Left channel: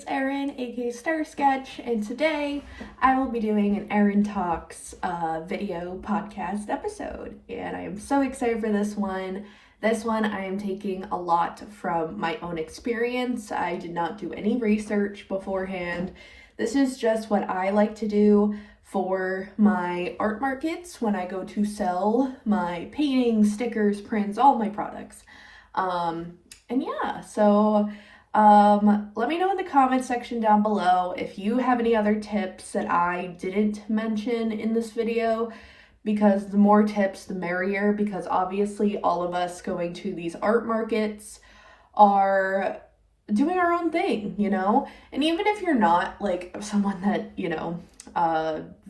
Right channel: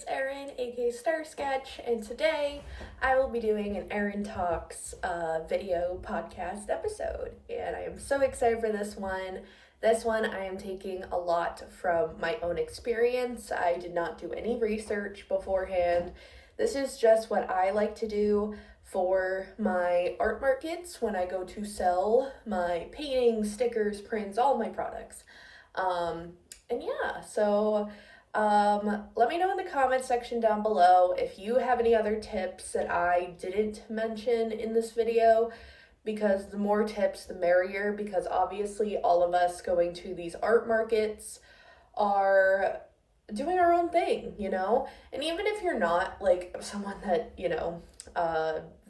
it's Erin, aka Star Sketch, and today I will be doing an Erin Talks video podcast episode. And I am so excited for this one. This one I am taking a lot from my own experience. I did not do any research beforehand. This is just what I like to do for my art markets when I go to sell my paintings, stickers, prints, all my products. Let me know in the comments section down below if you have any other tips that I didn't mention in this video, because the more tips the merrier, because obviously all of us going to these art markets are doing our own thing, and even if you're not like someone that,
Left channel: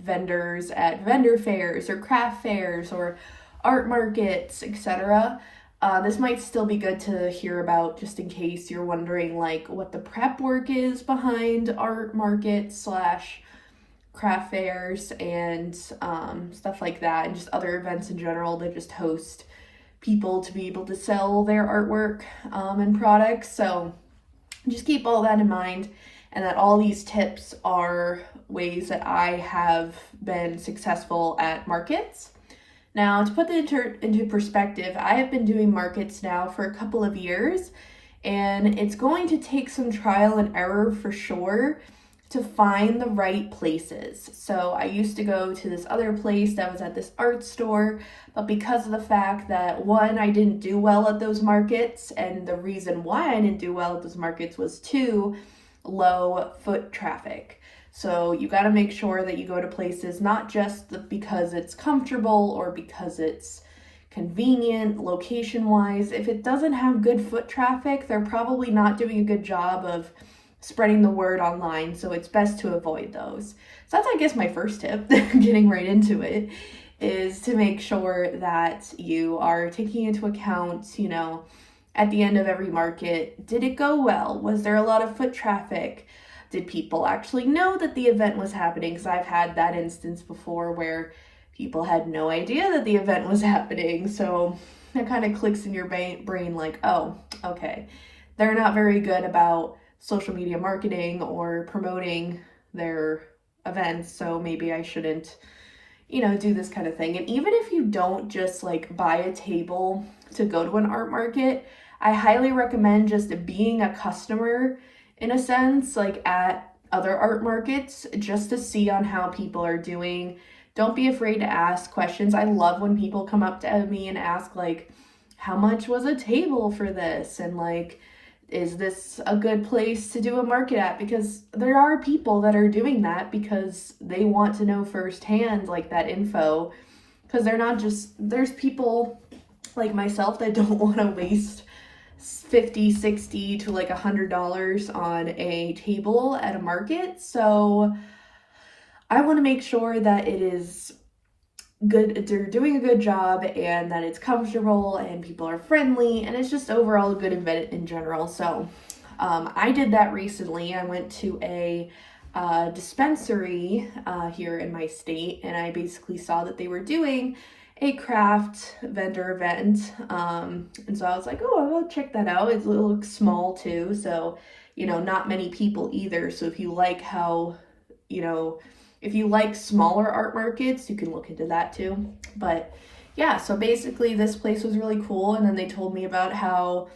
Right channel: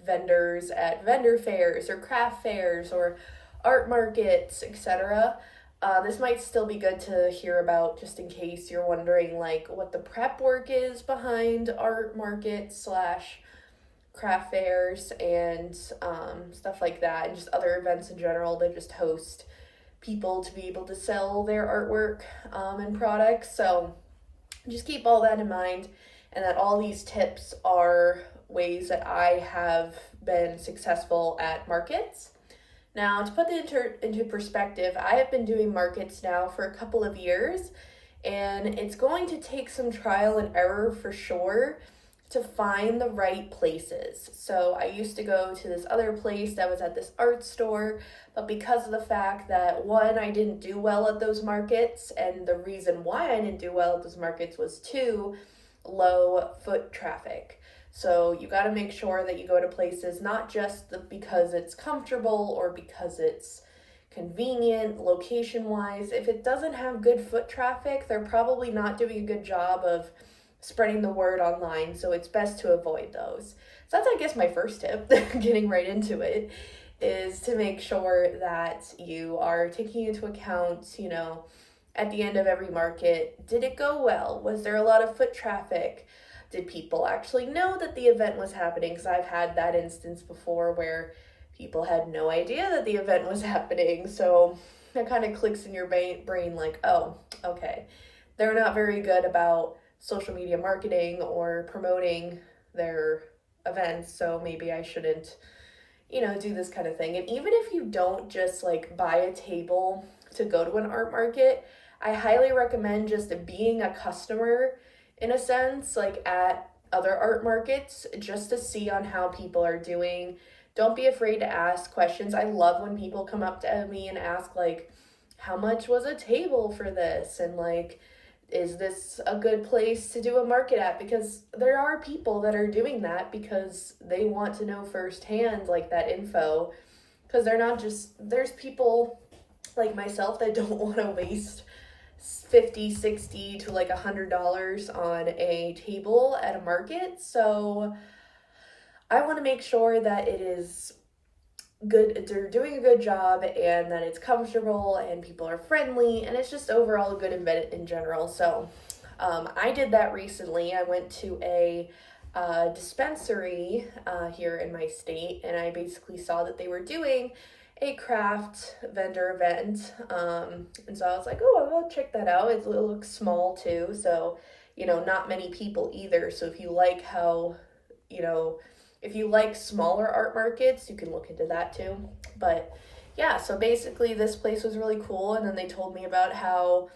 vendors at vendor fairs or craft fairs or art markets, etc., this might still be good to hear about, just in case you're wondering like what the prep work is behind art markets slash craft fairs and stuff like that, and just other events in general that just host people to be able to sell their artwork and products. So just keep all that in mind, and that all these tips are ways that I have been successful at markets. Now, to put that into perspective, I have been doing markets now for a couple of years, and it's going to take some trial and error for sure to find the right places. So I used to go to this other place that was at this art store, but because of the fact that, one, I didn't do well at those markets, and the reason why I didn't do well at those markets was two, low foot traffic. So you got to make sure that you go to places not just because it's comfortable or because it's convenient location-wise. If it doesn't have good foot traffic, they're probably not doing a good job of spreading the word online, so it's best to avoid those. So that's, I guess, my first tip, getting right into it, is to make sure that you are taking into account, at the end of every market, did it go well? Was there a lot of foot traffic? Did people actually know that the event was happening? Because I've had that instance before where people had no idea that the event was happening. So that kind of clicks in your brain like, oh, okay, they're not very good about social media marketing or promoting their events, so maybe I shouldn't, do this kind of thing. And even if you don't just like buy a table to go to an art market, I highly recommend just being a customer in a sense, like at other art markets, just to see on how people are doing. Don't be afraid to ask questions. I love when people come up to me and ask like, how much was a table for this? And like, is this a good place to do a market at? Because there are people that are doing that because they want to know firsthand like that info, because there's people like myself that don't want to waste $50, $60 to like $100 on a table at a market. So I want to make sure that it is good, they're doing a good job, and that it's comfortable and people are friendly, and it's just overall a good event in general. So I did that recently. I went to a dispensary here in my state, and I basically saw that they were doing a craft vendor event, and so I was like, oh, I'll check that out. It looks small too, so not many people either. So if you like if you like smaller art markets, you can look into that too. But yeah, so basically this place was really cool, and then they told me about how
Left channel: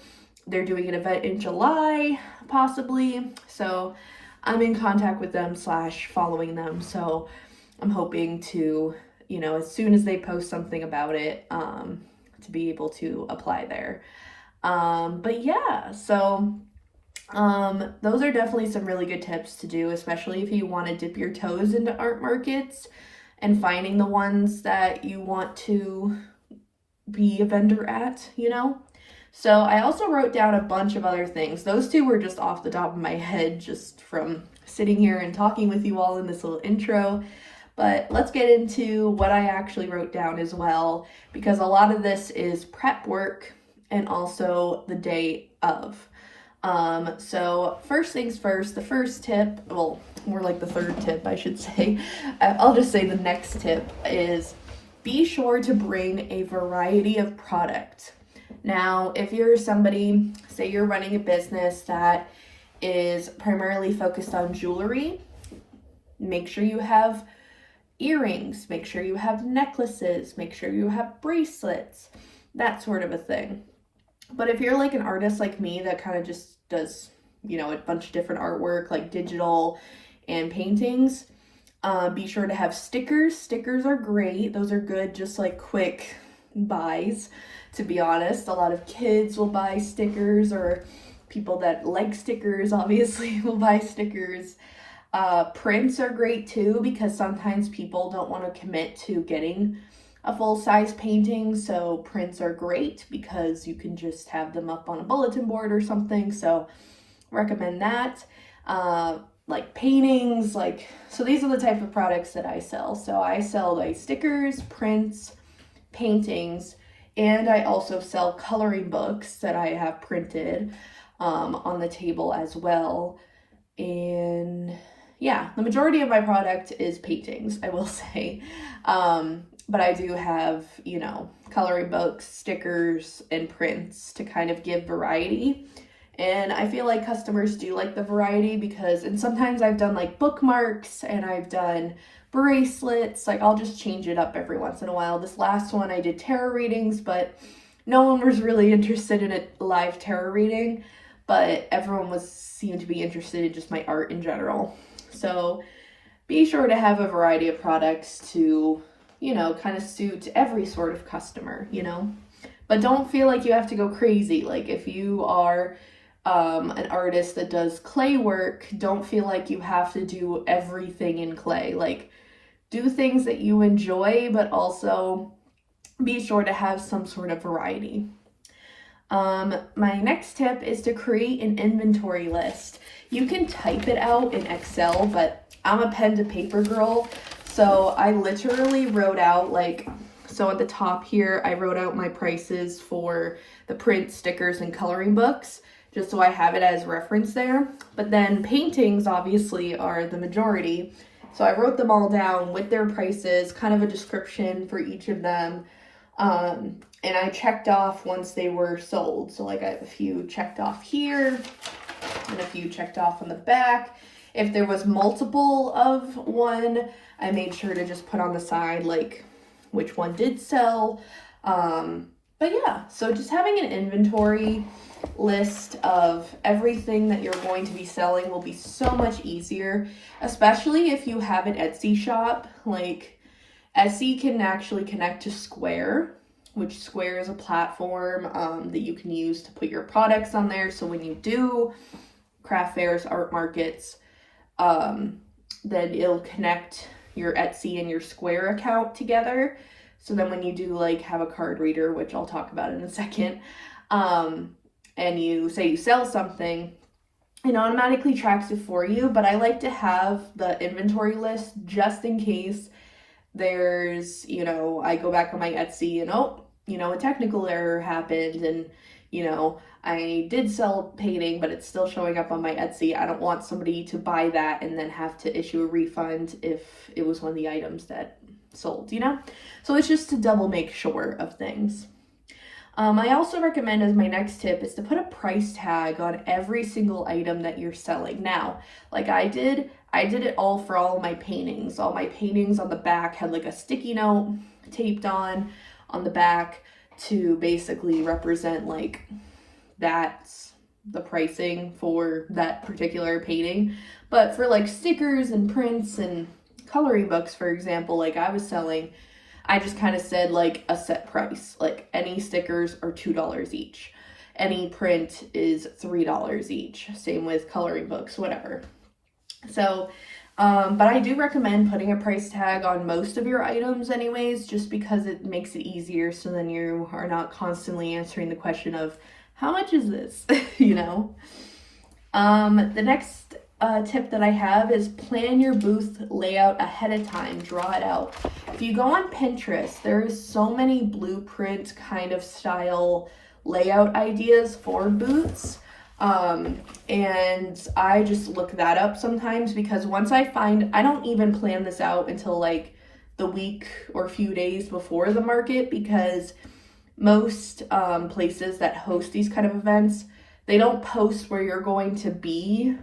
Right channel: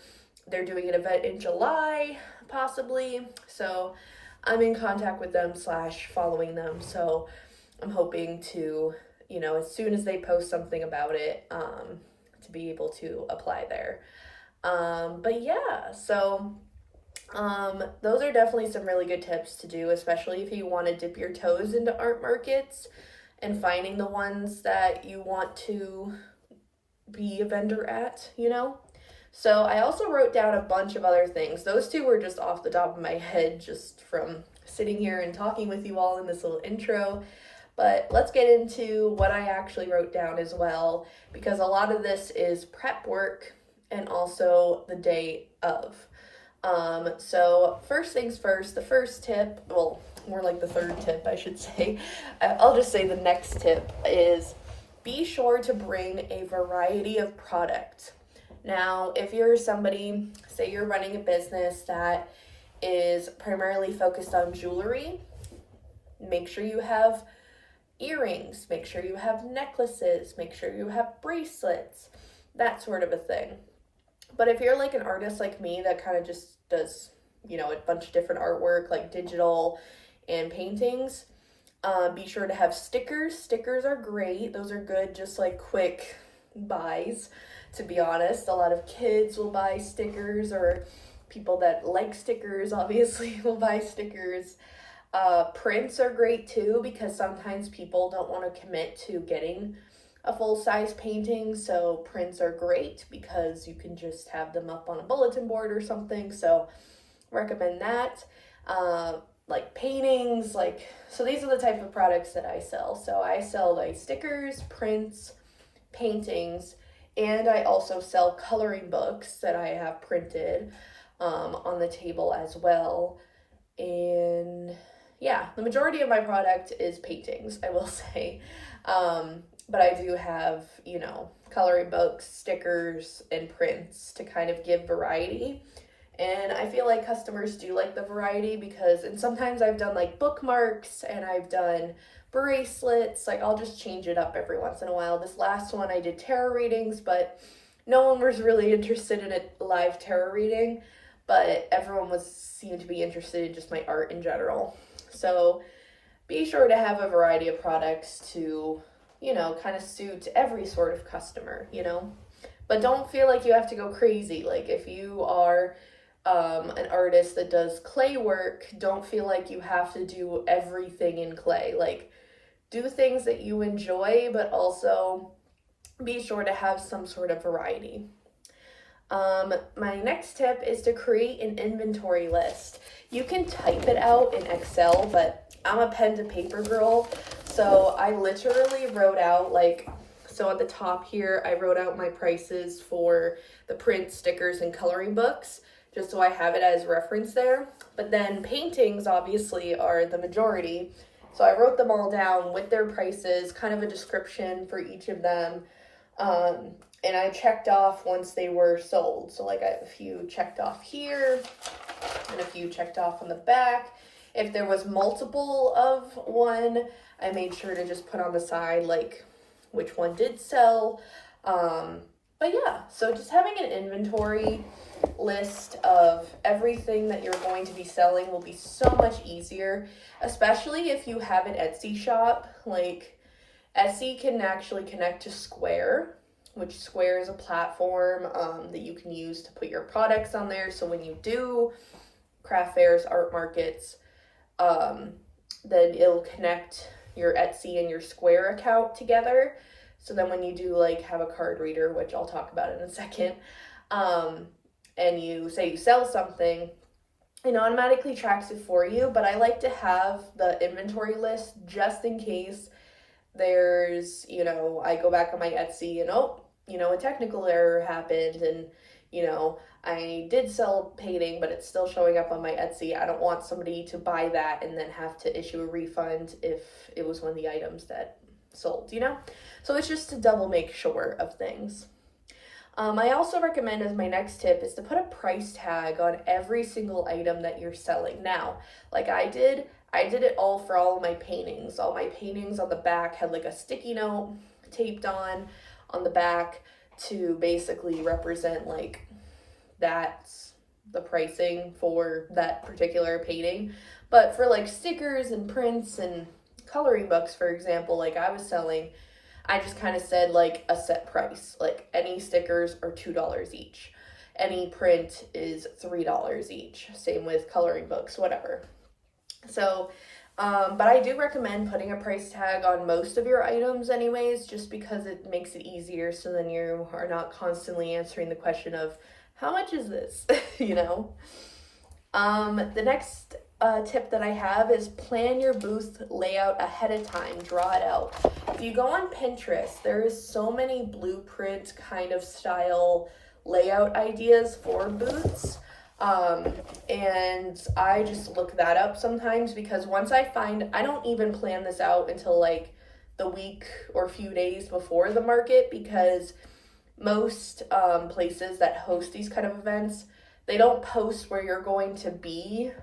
they're doing an event in July possibly, so I'm in contact with them / following them, so I'm hoping to, as soon as they post something about it, to be able to apply there. But yeah, so those are definitely some really good tips to do, especially if you want to dip your toes into art markets and finding the ones that you want to be a vendor at, So I also wrote down a bunch of other things. Those two were just off the top of my head, just from sitting here and talking with you all in this little intro. But let's get into what I actually wrote down as well, because a lot of this is prep work and also the day of. So first things first, the first tip, well, more like the third tip, I should say. I'll just say the next tip is be sure to bring a variety of product. Now, if you're somebody, say you're running a business that is primarily focused on jewelry. Make sure you have earrings, make sure you have necklaces, make sure you have bracelets, that sort of a thing. But if you're like an artist like me that kind of just does, you know, a bunch of different artwork like digital and paintings, be sure to have stickers. Stickers are great. Those are good, just like quick buys, to be honest. A lot of kids will buy stickers, or people that like stickers obviously will buy stickers. Prints are great too, because sometimes people don't want to commit to getting a full-size painting, so prints are great because you can just have them up on a bulletin board or something, so recommend that. Like paintings, so these are the type of products that I sell. So I sell like stickers, prints, paintings, and I also sell coloring books that I have printed on the table as well. And yeah, the majority of my product is paintings, I will say. But I do have, you know, coloring books, stickers, and prints to kind of give variety. And I feel like customers do like the variety and sometimes I've done like bookmarks and I've done bracelets. Like I'll just change it up every once in a while. This last one I did tarot readings, but no one was really interested in a live tarot reading, but everyone seemed to be interested in just my art in general. So be sure to have a variety of products to, you know, kind of suit every sort of customer, you know. But don't feel like you have to go crazy. Like if you are an artist that does clay work, don't feel like you have to do everything in clay. Like do things that you enjoy, but also be sure to have some sort of variety. My next tip is to create an inventory list. You can type it out in Excel, but I'm a pen to paper girl. So I literally wrote out so at the top here, I wrote out my prices for the print, stickers, and coloring books, just so I have it as reference there. But then paintings obviously are the majority. So I wrote them all down with their prices, kind of a description for each of them. And I checked off once they were sold. So like I have a few checked off here and a few checked off on the back. If there was multiple of one, I made sure to just put on the side like which one did sell. But yeah, so just having an inventory list of everything that you're going to be selling will be so much easier, especially if you have an Etsy shop. Like Etsy can actually connect to Square, which Square is a platform that you can use to put your products on there. So when you do craft fairs, art markets, then it'll connect your Etsy and your Square account together. So then when you do like have a card reader, which I'll talk about in a second, and you say you sell something, it automatically tracks it for you. But I like to have the inventory list just in case there's, you know, I go back on my Etsy and a technical error happened and, you know, I did sell a painting, but it's still showing up on my Etsy. I don't want somebody to buy that and then have to issue a refund if it was one of the items that sold, you know? So it's just to double make sure of things. I also recommend as my next tip is to put a price tag on every single item that you're selling. Now, like I did it all for all of my paintings. All my paintings on the back had like a sticky note taped on the back to basically represent like that's the pricing for that particular painting. But for like stickers and prints and coloring books, for example, like I was selling, I just kind of said like a set price. Like any stickers are $2 each. Any print is $3 each. Same with coloring books, whatever. So, but I do recommend putting a price tag on most of your items anyways, just because it makes it easier. So then you are not constantly answering the question of how much is this, you know? The next tip that I have is plan your booth layout ahead of time, draw it out. If you go on Pinterest, there's so many blueprint kind of style layout ideas for booths. And I just look that up sometimes because once I don't even plan this out until like the week or few days before the market, because most places that host these kind of events, they don't post where you're going to be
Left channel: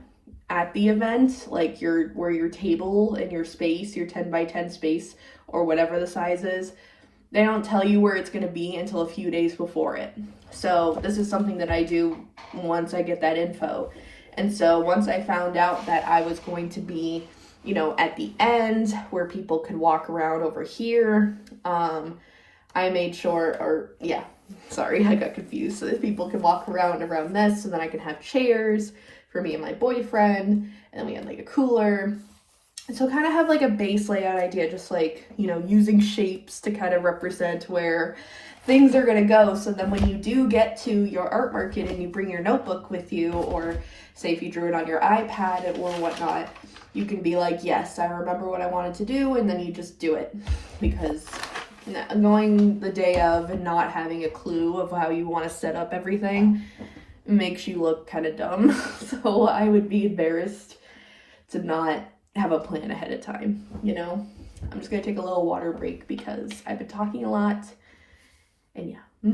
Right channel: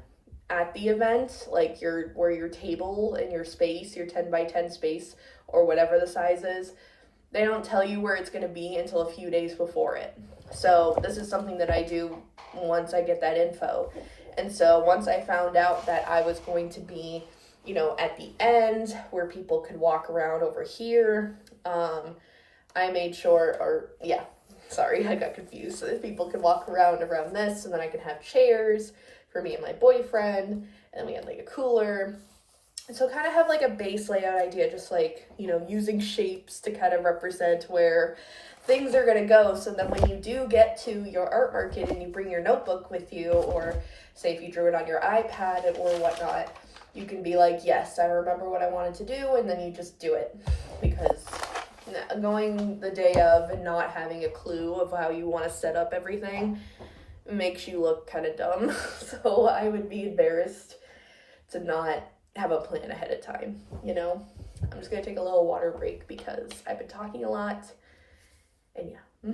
at the event, like where your table and your space, your 10 by 10 space or whatever the size is. They don't tell you where it's going to be until a few days before it. So this is something that I do once I get that info. And so once I found out that I was going to be, you know, at the end where people could walk around over here, I made sure, or yeah, sorry, I got confused. So that people could walk around this, and then I could have chairs for me and my boyfriend, and we had like a cooler. So kind of have like a base layout idea, just like, you know, using shapes to kind of represent where things are going to go. So then when you do get to your art market and you bring your notebook with you, or say if you drew it on your iPad or whatnot, you can be like, yes, I remember what I wanted to do, and then you just do it. Because going the day of and not having a clue of how you want to set up everything makes you look kind of dumb. So I would be embarrassed to not have a plan ahead of time, you know? I'm just gonna take a little water break because I've been talking a lot, and yeah.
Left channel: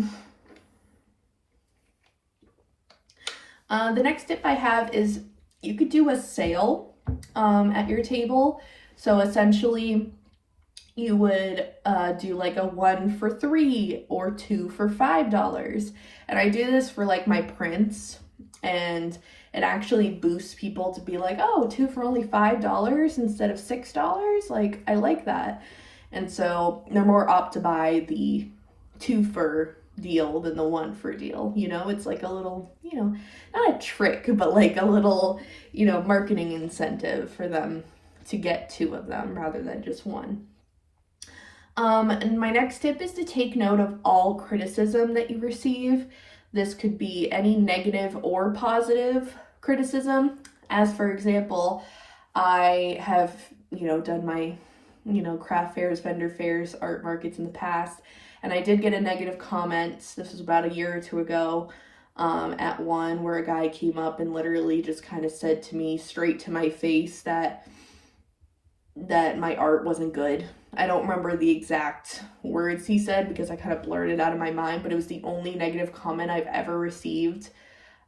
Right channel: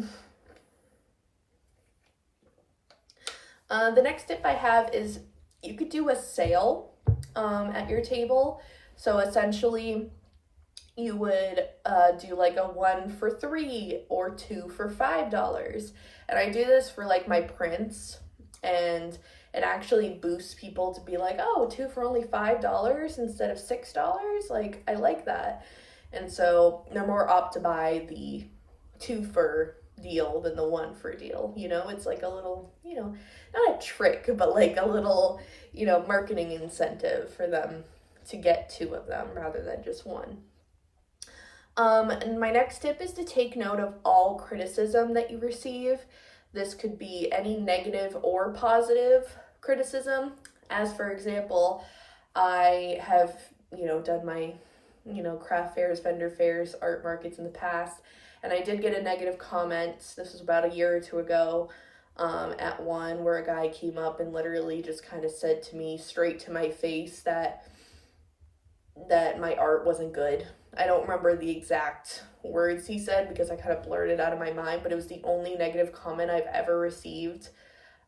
The next tip I have is you could do a sale at your table. So essentially you would do like a 1 for $3 or 2 for $5. And I do this for like my prints, and it actually boosts people to be like, oh, 2 for only $5 instead of $6. Like, I like that. And so they're more apt to buy the 2 for deal than the 1 for deal. You know, it's like a little, you know, not a trick, but like a little, you know, marketing incentive for them to get 2 of them rather than just 1. And my next tip is to take note of all criticism that you receive. This could be any negative or positive criticism. As for example, I have, you know, done my, you know, craft fairs, vendor fairs, art markets in the past, and I did get a negative comment. This was about a year or 2 ago, at one where a guy came up and literally just kind of said to me straight to my face that my art wasn't good. I don't remember the exact words he said because I kind of blurred it out of my mind, but it was the only negative comment I've ever received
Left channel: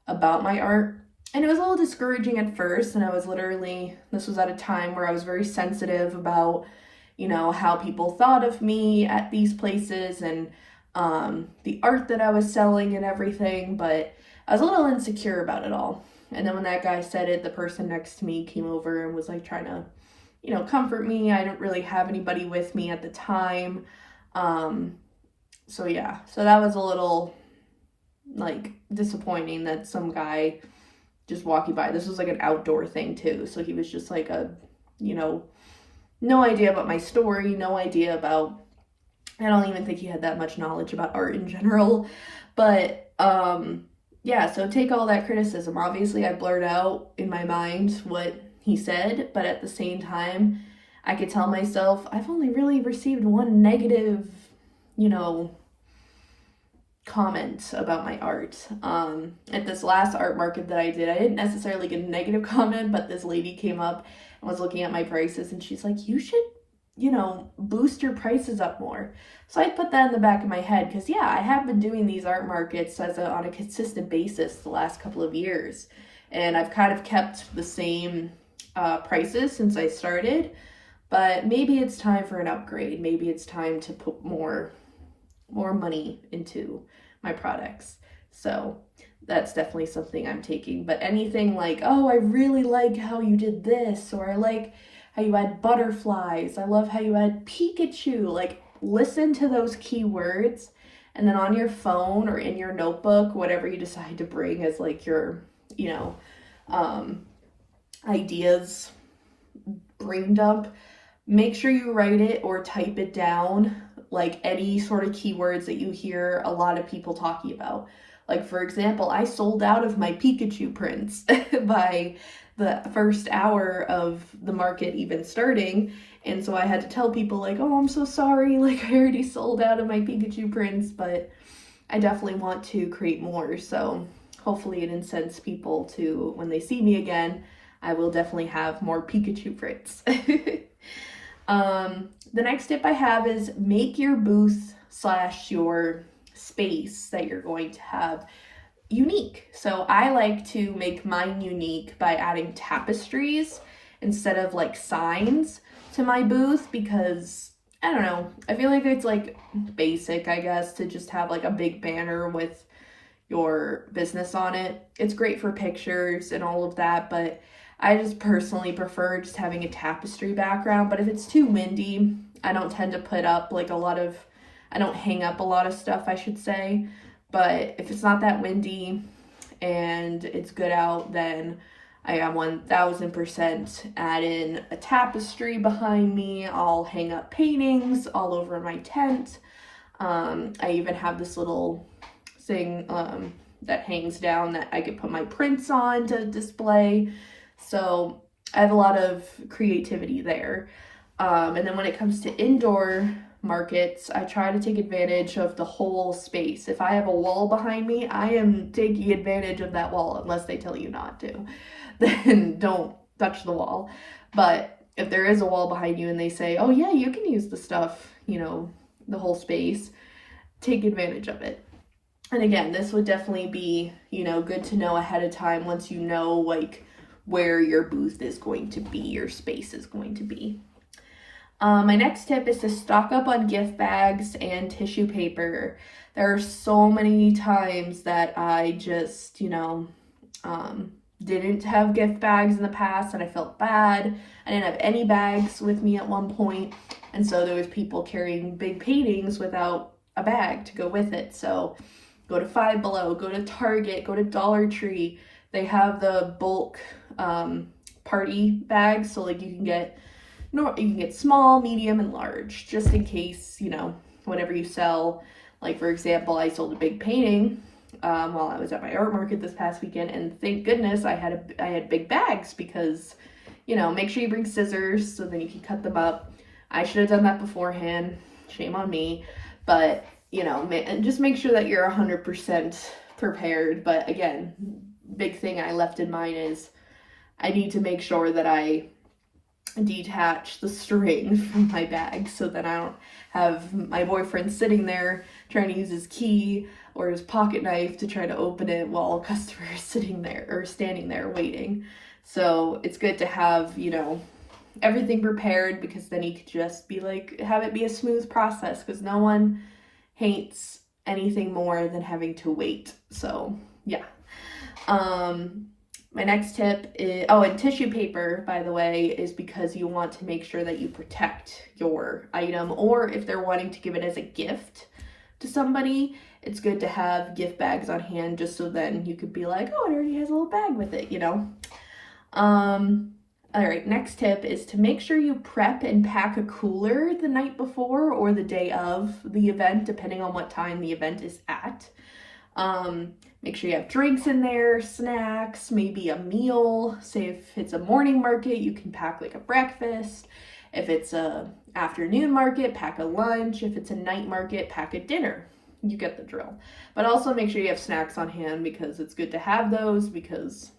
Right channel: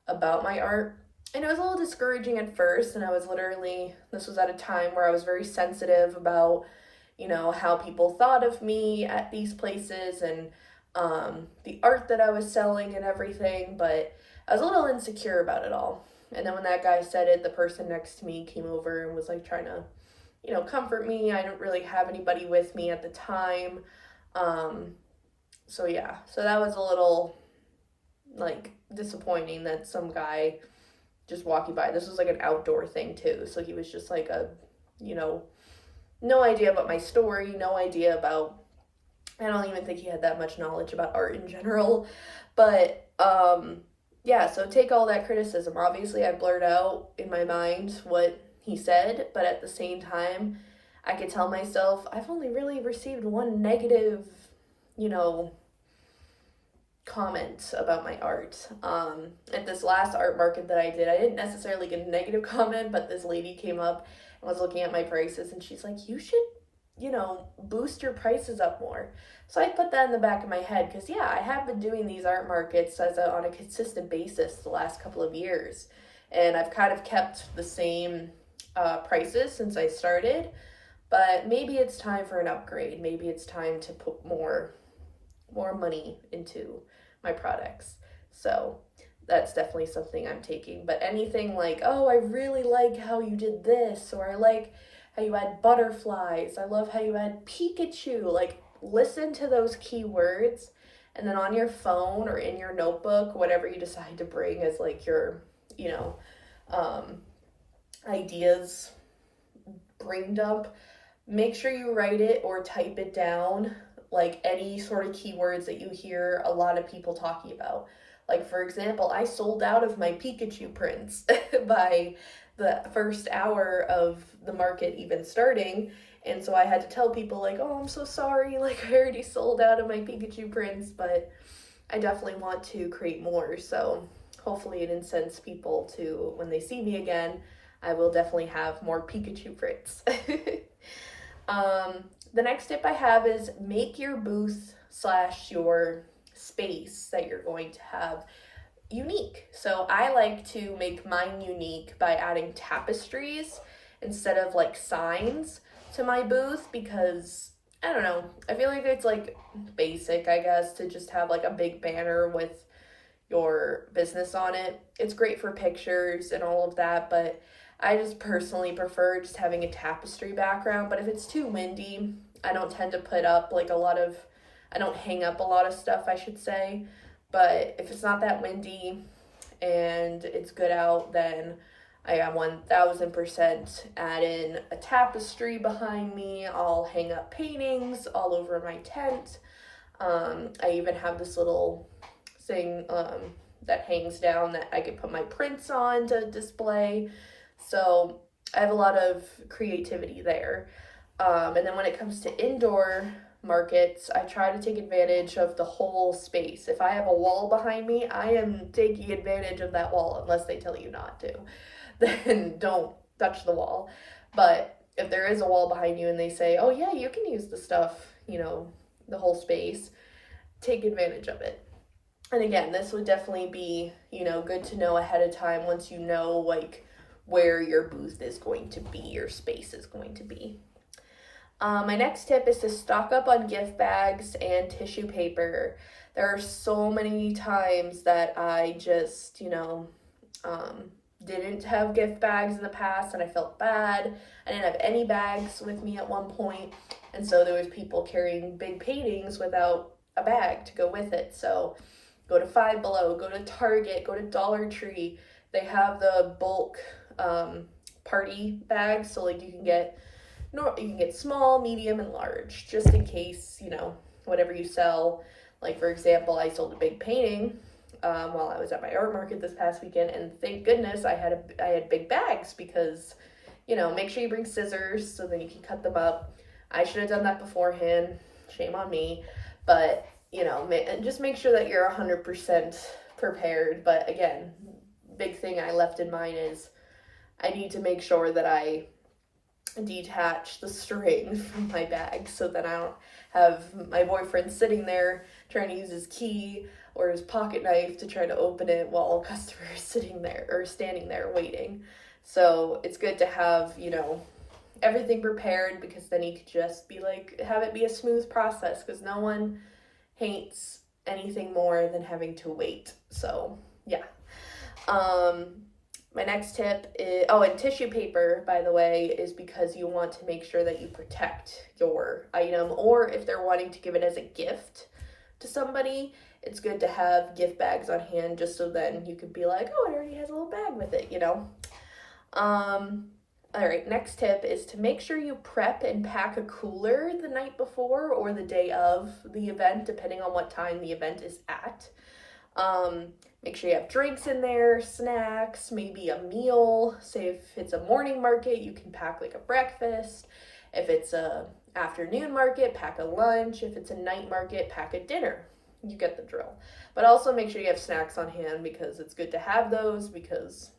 about my art. And it was a little discouraging at first, and I was literally, this was at a time where I was very sensitive about, you know, how people thought of me at these places and the art that I was selling and everything, but I was a little insecure about it all. And then when that guy said it, the person next to me came over and was like trying to, you know, comfort me. I didn't really have anybody with me at the time. So yeah, so that was a little like disappointing that some guy just walking by. This was like an outdoor thing too. So he was just like a, you know, no idea about my story, no idea about, I don't even think he had that much knowledge about art in general. But yeah, so take all that criticism. Obviously I blurred out in my mind what he said, but at the same time, I could tell myself, I've only really received 1 negative, you know, comment about my art. At this last art market that I didn't necessarily get a negative comment, but this lady came up and was looking at my prices, and she's like, you should, you know, boost your prices up more. So I put that in the back of my head because, yeah, I have been doing these art markets on a consistent basis the last couple of years, and I've kind of kept the same prices since I started, but maybe it's time for an upgrade. Maybe it's time to put more money into my products. So that's definitely something I'm taking. But anything like, oh, I really like how you did this, or I like how you had butterflies, I love how you had Pikachu, like listen to those keywords, and then on your phone or in your notebook, whatever you decide to bring as like your, you know, ideas brain dump, make sure you write it or type it down, like any sort of keywords that you hear a lot of people talking about. Like, for example, I sold out of my Pikachu prints by the first hour of the market even starting, and so I had to tell people like, oh, I'm so sorry, like I already sold out of my Pikachu prints, but I definitely want to create more. So hopefully it incents people to, when they see me again, I will definitely have more Pikachu prints. The next tip I have is make your booth / your space that you're going to have unique. So I like to make mine unique by adding tapestries instead of like signs to my booth, because I don't know, I feel like it's like basic, I guess, to just have like a big banner with your business on it. It's great for pictures and all of that, but I just personally prefer just having a tapestry background. But if it's too windy, I don't tend to put up like I don't hang up a lot of stuff, I should say. But if it's not that windy and it's good out, then I got 1000% add in a tapestry behind me. I'll hang up paintings all over my tent. I even have this little thing that hangs down that I could put my prints on to display. So I have a lot of creativity there. And then when it comes to indoor markets, I try to take advantage of the whole space. If I have a wall behind me, I am taking advantage of that wall, unless they tell you not to. Then don't touch the wall. But if there is a wall behind you and they say, oh yeah, you can use the stuff, the whole space, take advantage of it. And again, this would definitely be, good to know ahead of time once you know like where your booth is going to be, your space is going to be. My next tip is to stock up on gift bags and tissue paper. There are so many times that I just, didn't have gift bags in the past and I felt bad. I didn't have any bags with me at one point. And so there was people carrying big paintings without a bag to go with it. So go to Five Below, go to Target, go to Dollar Tree. They have the bulk party bags. So like you can get small, medium, and large, just in case, whatever you sell. Like, for example, I sold a big painting while I was at my art market this past weekend, and thank goodness I had big bags because, make sure you bring scissors so then you can cut them up. I should have done that beforehand. Shame on me. But, just make sure that you're 100% prepared. But again, big thing I left in mind is I need to make sure that I detach the string from my bag so that I don't have my boyfriend sitting there trying to use his key or his pocket knife to try to open it while a customer is sitting there or standing there waiting. So it's good to have, everything prepared, because then you could just be like, have it be a smooth process, because no one hates anything more than having to wait. So yeah. My next tip is, and tissue paper, by the way, is because you want to make sure that you protect your item, or if they're wanting to give it as a gift to somebody, it's good to have gift bags on hand, just so then you could be like, oh, it already has a little bag with it, All right, next tip is to make sure you prep and pack a cooler the night before or the day of the event, depending on what time the event is at. Make sure you have drinks in there, snacks, maybe a meal. Say if it's a morning market, you can pack like a breakfast. If it's a afternoon market, pack a lunch. If it's a night market, pack a dinner. You get the drill. But also make sure you have snacks on hand, because it's good to have those, because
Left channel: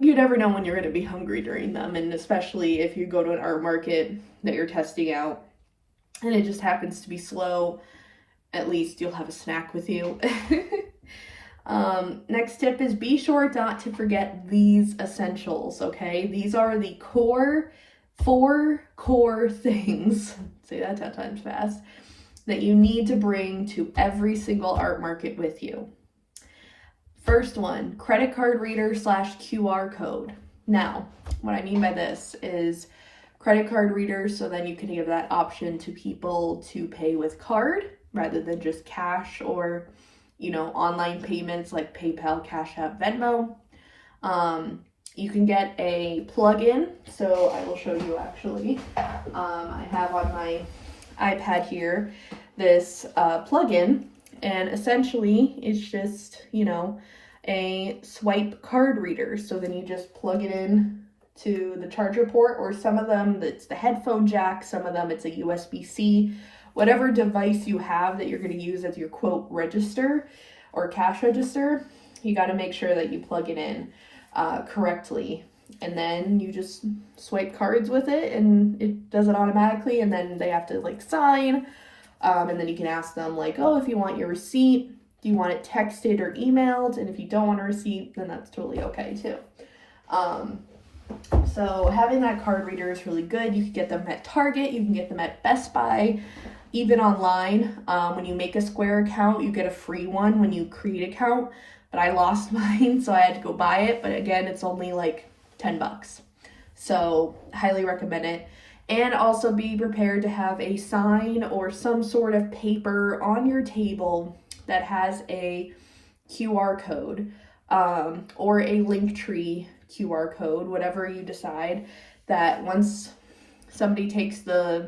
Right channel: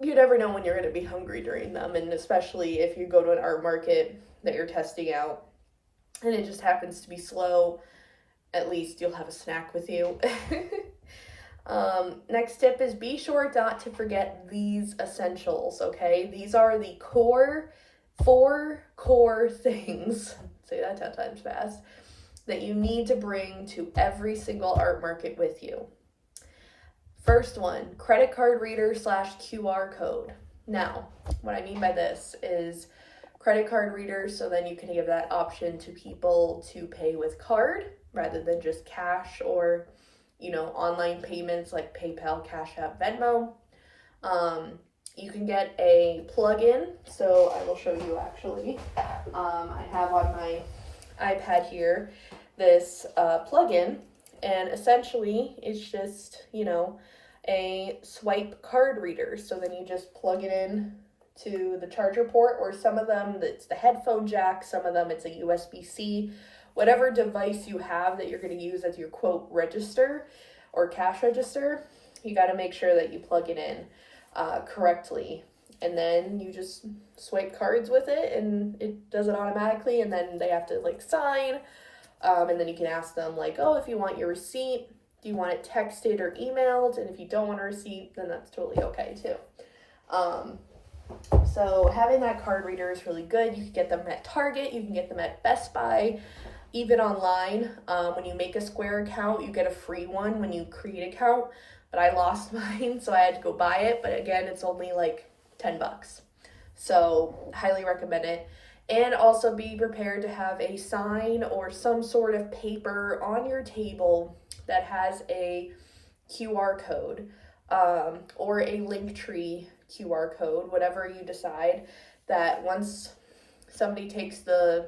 you never know when you're going to be hungry during them. And especially if you go to an art market that you're testing out and it just happens to be slow, at least you'll have a snack with you. Next tip is be sure not to forget these essentials, okay? These are the four core things, say that 10 times fast, that you need to bring to every single art market with you. First one, credit card reader / QR code. Now, what I mean by this is credit card readers, so then you can give that option to people to pay with card rather than just cash, or, online payments like PayPal, Cash App, Venmo. You can get a plug-in, so I will show you actually. I have on my iPad here this plug-in, and essentially it's just, a swipe card reader. So then you just plug it in to the charger port, or some of them it's the headphone jack, some of them it's a USB-C. Whatever device you have that you're going to use as your quote register or cash register, you got to make sure that you plug it in correctly. And then you just swipe cards with it and it does it automatically. And then they have to like sign. And then you can ask them like, oh, if you want your receipt Do you want it texted or emailed? And if you don't want a receipt, then that's totally okay too. So having that card reader is really good. You can get them at Target, you can get them at Best Buy, even online. When you make a Square account, you get a free one when you create an account, but I lost mine, so I had to go buy it. But again, it's only like $10. So highly recommend it. And also be prepared to have a sign or some sort of paper on your table that has a QR code, or a Linktree QR code, whatever you decide, that once somebody takes the,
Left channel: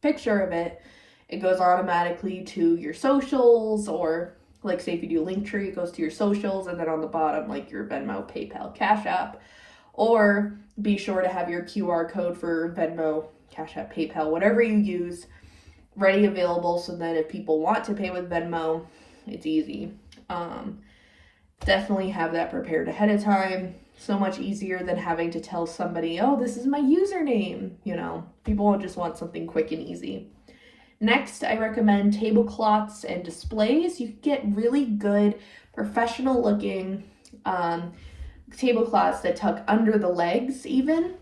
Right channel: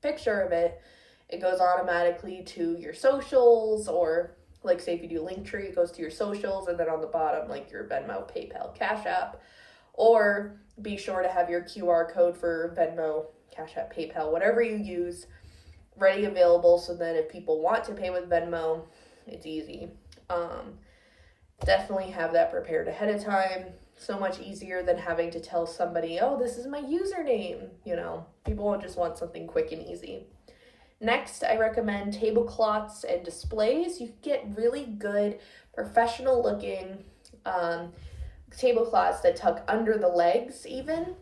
picture of it, it goes automatically to your socials, or like say if you do Linktree, it goes to your socials, and then on the bottom, like your Venmo, PayPal, Cash App, or be sure to have your QR code for Venmo, Cash App, PayPal, whatever you use, ready, available, so that if people want to pay with Venmo, it's easy. Definitely have that prepared ahead of time. So much easier than having to tell somebody, oh, this is my username. People just want something quick and easy. Next, I recommend tablecloths and displays. You can get really good, professional looking tablecloths that tuck under the legs even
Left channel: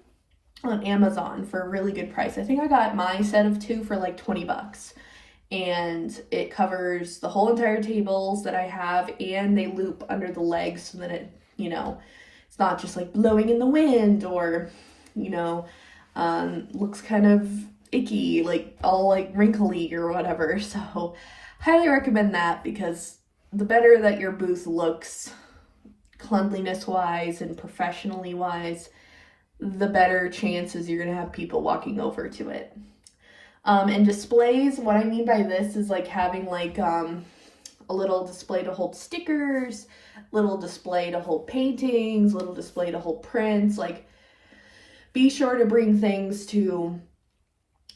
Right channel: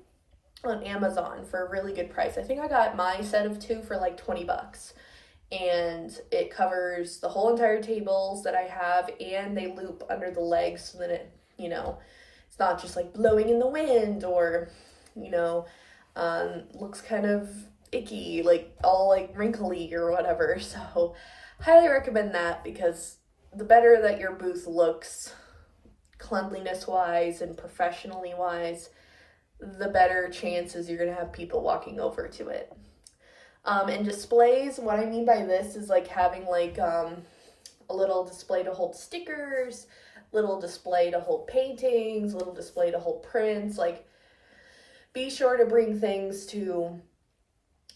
on Amazon for a really good price. I think I got my set of 2 for like $20. And it covers the whole entire tables that I have, and they loop under the legs so that it, it's not just like blowing in the wind, or, looks kind of icky, like all like wrinkly or whatever. So highly recommend that, because the better that your booth looks cleanliness wise and professionally wise, the better chances you're gonna have people walking over to it. And displays, what I mean by this is like having like a little display to hold stickers, little display to hold paintings, little display to hold prints. Like, be sure to bring things to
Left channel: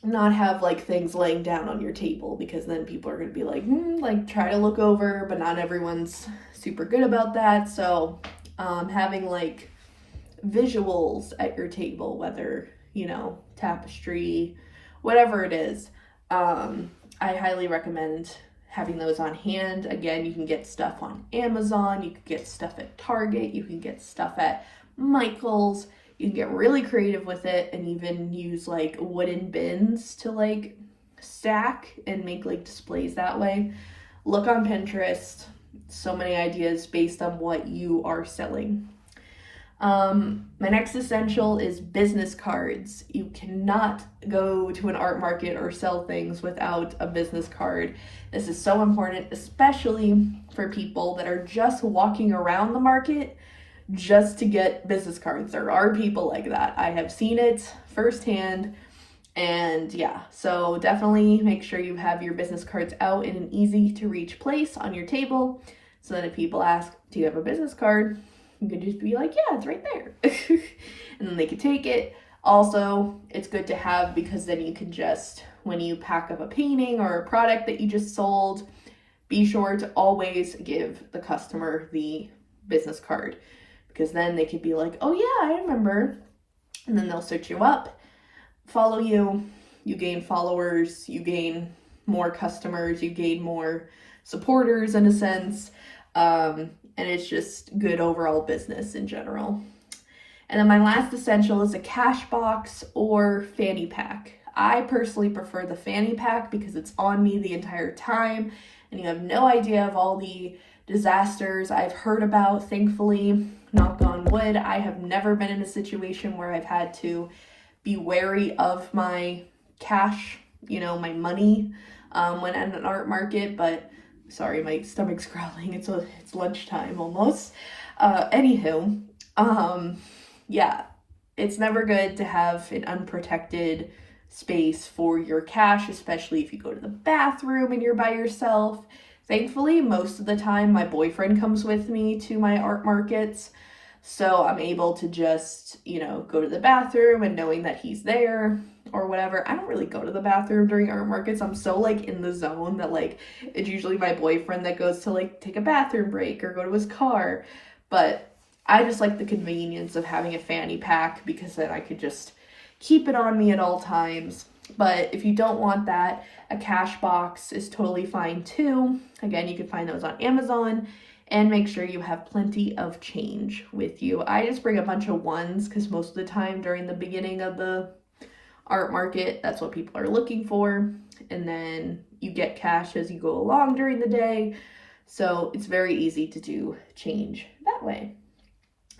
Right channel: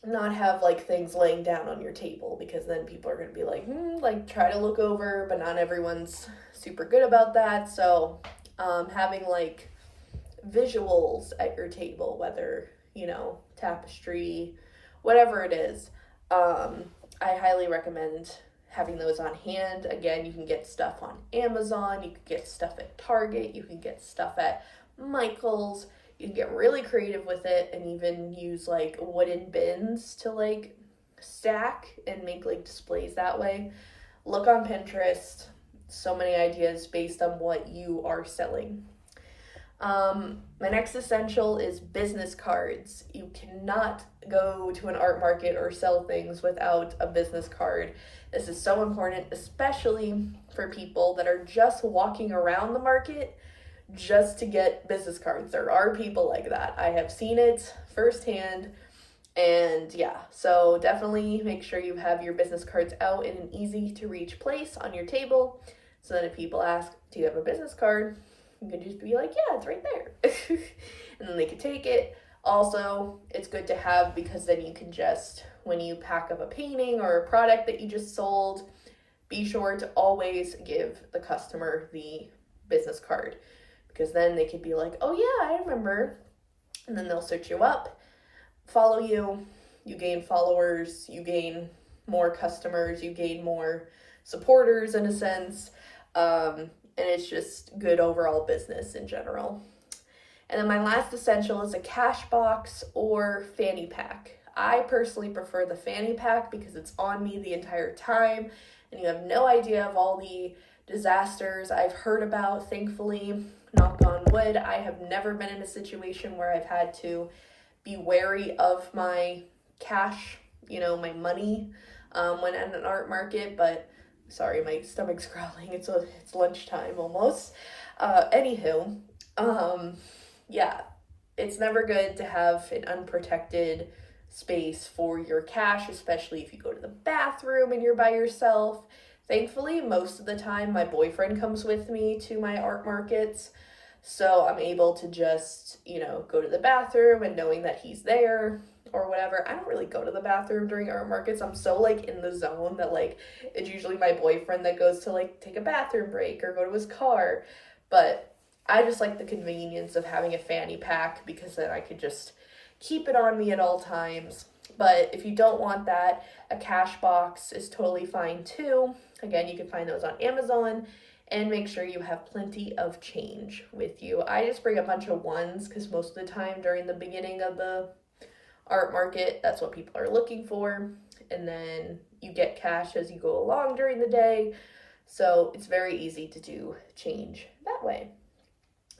not have like things laying down on your table, because then people are going to be like, try to look over, but not everyone's super good about that. So having like visuals at your table, whether, tapestry, whatever it is, I highly recommend having those on hand. Again, you can get stuff on Amazon, you can get stuff at Target, you can get stuff at Michael's. You can get really creative with it and even use like wooden bins to like stack and make like displays that way. Look on Pinterest, so many ideas based on what you are selling. My next essential is business cards. You cannot go to an art market or sell things without a business card. This is so important, especially for people that are just walking around the market just to get business cards. There are people like that. I have seen it firsthand. And yeah, so definitely make sure you have your business cards out in an easy to reach place on your table, so that if people ask, do you have a business card? You can just be like, yeah, it's right there. And then they can take it. Also, it's good to have, because then you can just, when you pack up a painting or a product that you just sold, be sure to always give the customer the business card, because then they could be like, oh yeah, I remember. And then they'll search you up, follow you, you gain followers, you gain more customers, you gain more supporters in a sense. And it's just good overall business in general. And then my last essential is a cash box or fanny pack. I personally prefer the fanny pack because it's on me the entire time, and you have no idea of all the disasters I've heard about. Thankfully, knock on wood, I have never been in a situation where I've had to be wary of my cash, my money, when at an art market. But sorry, my stomach's growling. It's lunchtime almost. Anywho, yeah, it's never good to have an unprotected space for your cash, especially if you go to the bathroom and you're by yourself. Thankfully, most of the time, my boyfriend comes with me to my art markets, so I'm able to just, go to the bathroom, and knowing that he's there or whatever. I don't really go to the bathroom during art markets. I'm so like in the zone that like it's usually my boyfriend that goes to like take a bathroom break or go to his car. But I just like the convenience of having a fanny pack, because then I could just keep it on me at all times. But if you don't want that, a cash box is totally fine too. Again, you can find those on Amazon, and make sure you have plenty of change with you. I just bring a bunch of ones because most of the time during the beginning of the art market, that's what people are looking for. And then you get cash as you go along during the day. So it's very easy to do change that way.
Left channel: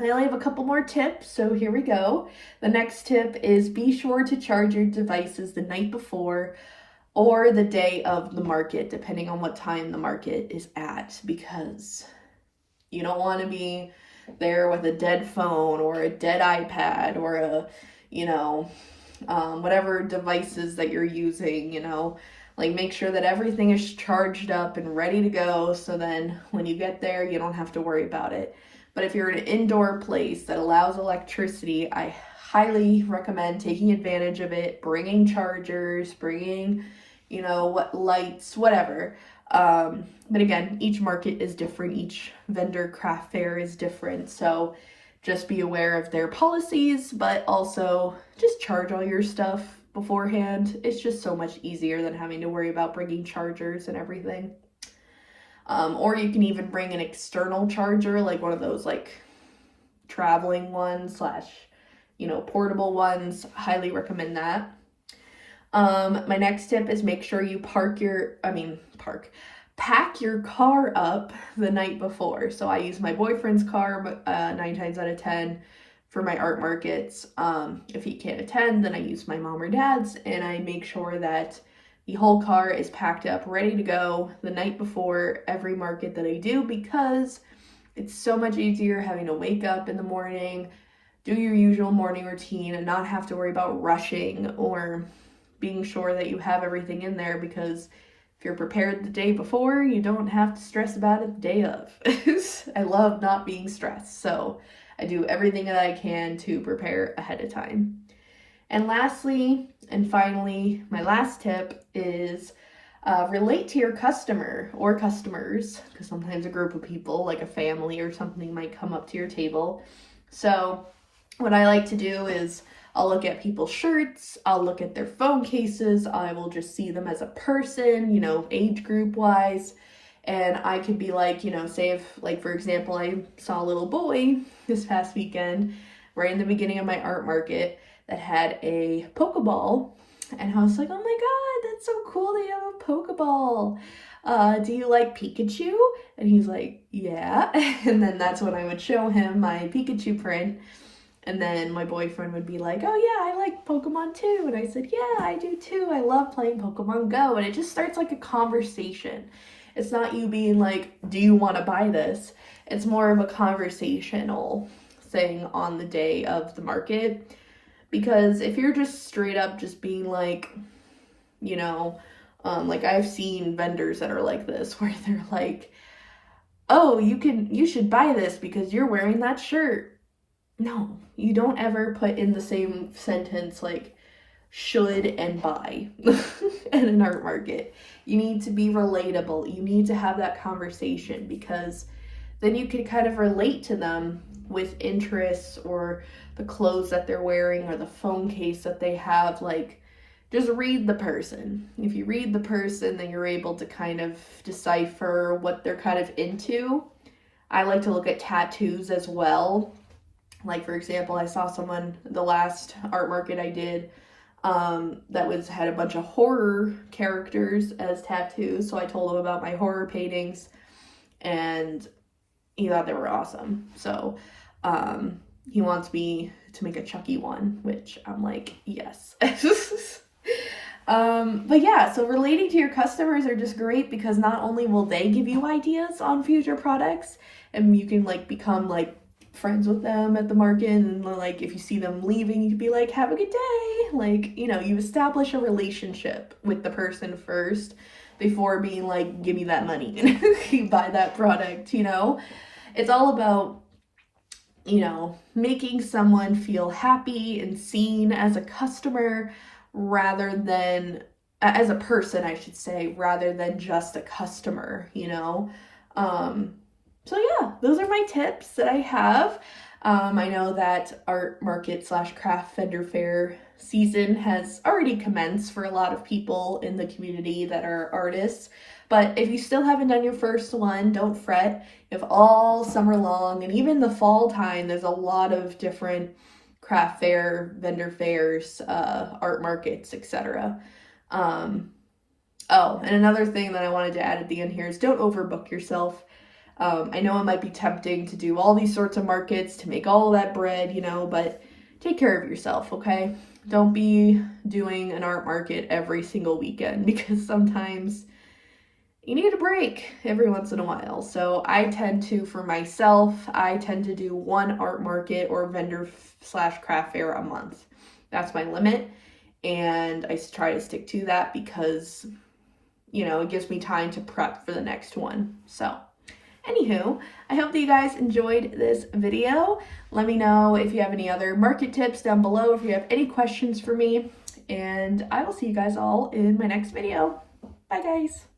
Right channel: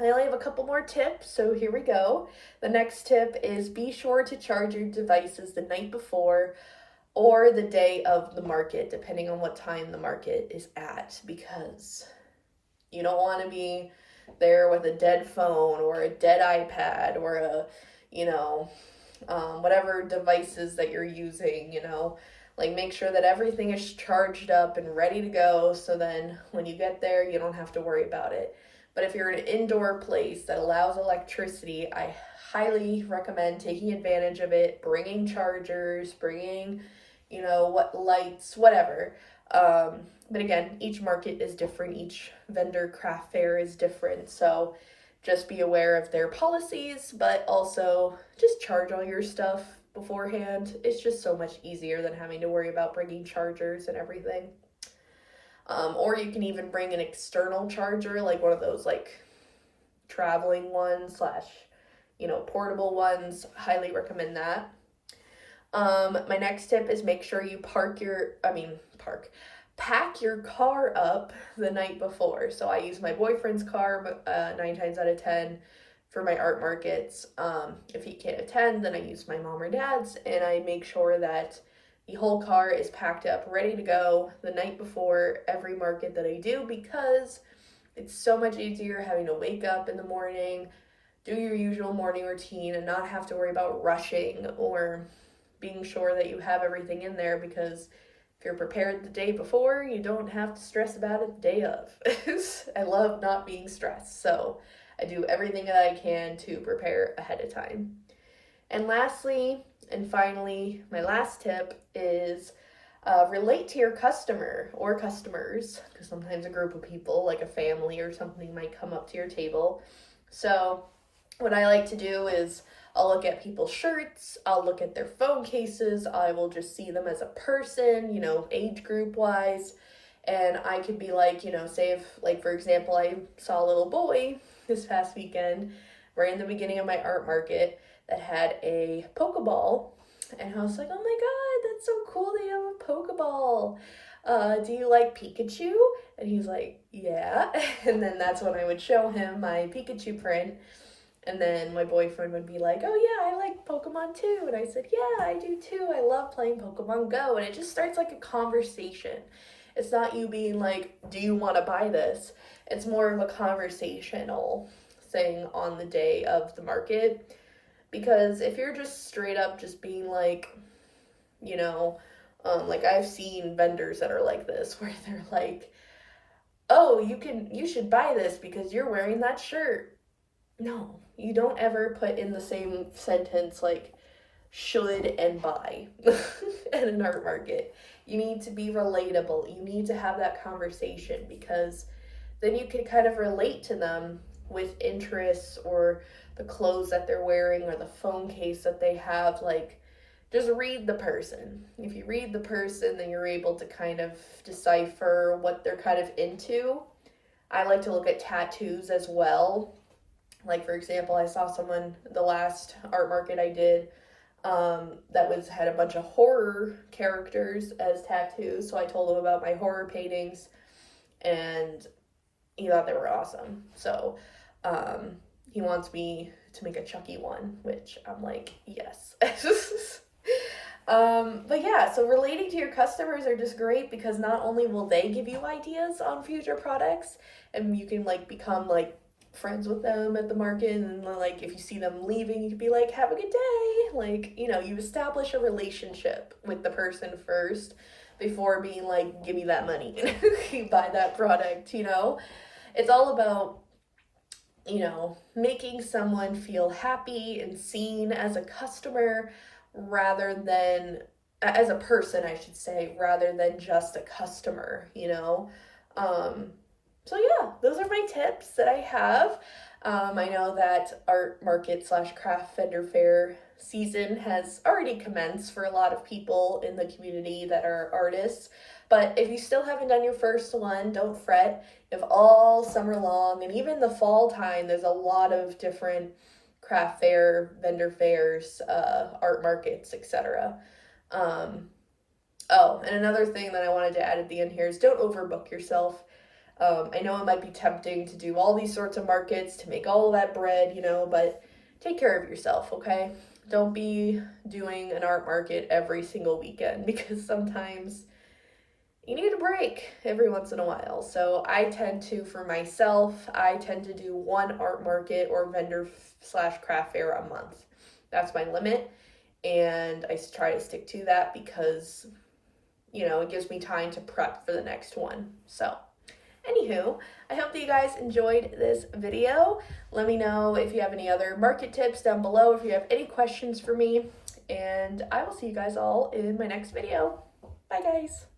I only have a couple more tips, so here we go. The next tip is be sure to charge your devices the night before or the day of the market, depending on what time the market is at, because you don't want to be there with a dead phone or a dead iPad or a, whatever devices that you're using, like make sure that everything is charged up and ready to go, so then when you get there, you don't have to worry about it. But if you're in an indoor place that allows electricity, I highly recommend taking advantage of it, bringing chargers, bringing, what lights, whatever. But again, each market is different. Each vendor craft fair is different. So just be aware of their policies, but also just charge all your stuff beforehand. It's just so much easier than having to worry about bringing chargers and everything. Or you can even bring an external charger, like one of those like traveling ones / portable ones. Highly recommend that. My next tip is make sure you pack your car up the night before. So I use my boyfriend's car 9 times out of 10 for my art markets. If he can't attend, then I use my mom or dad's, and I make sure that the whole car is packed up, ready to go the night before every market that I do, because it's so much easier having to wake up in the morning, do your usual morning routine, and not have to worry about rushing or being sure that you have everything in there, because if you're prepared the day before, you don't have to stress about it the day of. I love not being stressed, so I do everything that I can to prepare ahead of time. And lastly, and finally, my last tip is relate to your customer or customers, because sometimes a group of people, like a family or something, might come up to your table. So what I like to do is I'll look at people's shirts, I'll look at their phone cases, I will just see them as a person, age group wise. And I could be like, say if, like, for example, I saw a little boy this past weekend, right in the beginning of my art market, that had a Pokeball. And I was like, oh my God, that's so cool that you have a Pokeball. Do you like Pikachu? And he's like, yeah. And then that's when I would show him my Pikachu print. And then my boyfriend would be like, oh yeah, I like Pokemon too. And I said, yeah, I do too. I love playing Pokemon Go. And it just starts like a conversation. It's not you being like, do you want to buy this? It's more of a conversational thing on the day of the market. Because if you're just straight up just being like, like I've seen vendors that are like this, where they're like, oh, you should buy this because you're wearing that shirt. No, you don't ever put in the same sentence like should and buy in an art market. You need to be relatable. You need to have that conversation, because then you can kind of relate to them with interests or the clothes that they're wearing or the phone case that they have. Like, just read the person. If you read the person, then you're able to kind of decipher what they're kind of into. I like to look at tattoos as well. Like, for example, I saw someone, the last art market I did, that had a bunch of horror characters as tattoos. So I told him about my horror paintings, and he thought they were awesome. So he wants me to make a Chucky one, which I'm like, yes. But yeah, so relating to your customers are just great, because not only will they give you ideas on future products, and you can like become like friends with them at the market, and like if you see them leaving, you could be like, have a good day. Like, you establish a relationship with the person first before being like, give me that money and you buy that product. It's all about making someone feel happy and seen as a customer, rather than as a person, I should say, rather than just a customer. So yeah, those are my tips that I have. I know that art market / craft vendor fair season has already commenced for a lot of people in the community that are artists. But if you still haven't done your first one, don't fret. If all summer long and even the fall time, there's a lot of different craft fair, vendor fairs, art markets, etc. Oh, and another thing that I wanted to add at the end here is don't overbook yourself. I know it might be tempting to do all these sorts of markets to make all that bread, but take care of yourself, okay? Don't be doing an art market every single weekend because sometimes you need a break every once in a while. So for myself, I tend to do one art market or vendor/craft fair a month. That's my limit, and I try to stick to that because, it gives me time to prep for the next one. So, anywho, I hope that you guys enjoyed this video. Let me know if you have any other market tips down below, if you have any questions for me, and I will see you guys all in my next video. Bye, guys.